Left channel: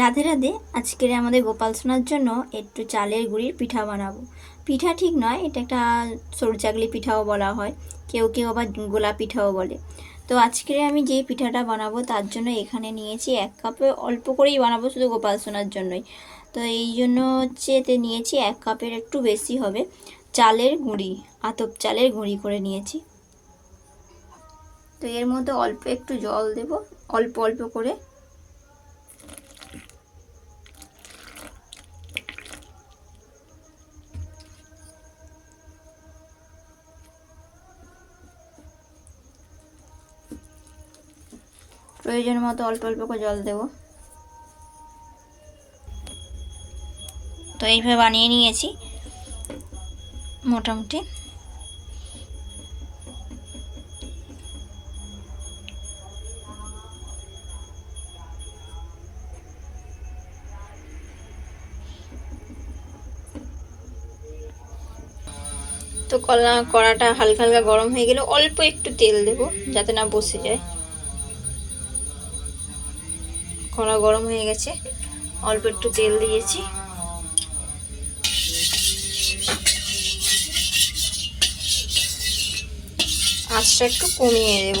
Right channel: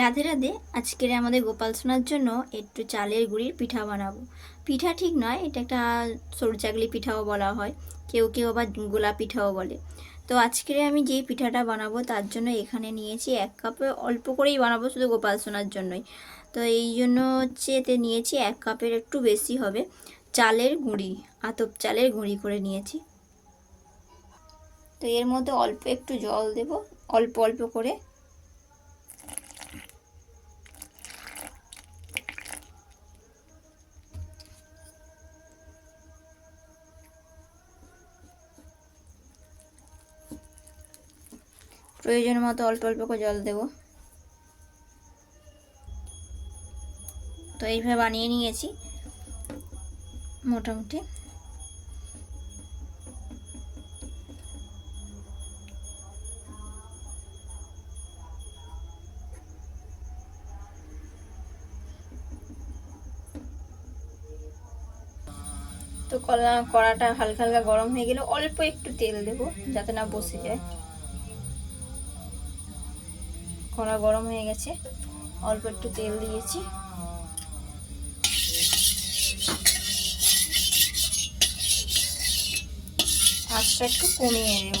রাধে রাধে, আজকের আমাদের গোপাল সোনার জন্য একটু চালের গুঁড়ির পিঠা বানাবো। পিঠা ঠিক নয়, এটা একটা সরু চাকলি পিঠাও বলা হয়, কেউ কেউ আবার গোলা পিঠাও বলে। তো আজকে আমি যে পিঠাটা বানাবো তার জন্য এখানে নিয়েছি এক কাপে, অল্প করেই বানাবো শুধু গোপাল সোনার জন্যই। তো এই জন্য হচ্ছে এতে নিয়েছি এক কাপের একটু বেশি হবে চালের গুঁড়ি, আতপ চালের গুঁড়ি করে নিয়েছি। তো এর মধ্যে অল্প একটু জল দেব, অল্প অল্প করে প্রয়োজন মতো অল্প অল্প করে জল দেব। তো এইভাবে বানিয়ে নিয়েছি, মোটামুটি। তো কলা কড়াটা হালকা হালকা গরম হয়ে গেলে অল্প একটু তেল দেব, যাতে না বসে যায়। কড়া গরম হয়ে গেছে। অল্প একটু তেল দিয়েছি। আঁচটা একটু কমিয়ে দেব।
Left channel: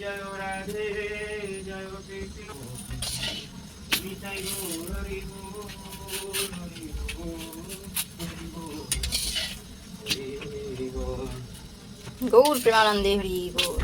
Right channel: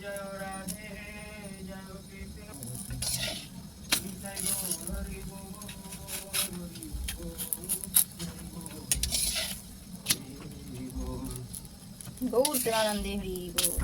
জয় রাধে জয় কৃষ্ণ নিতাই গৌর হরি বল হরি বল। গৌর প্রেমানন্দে হরি গৌর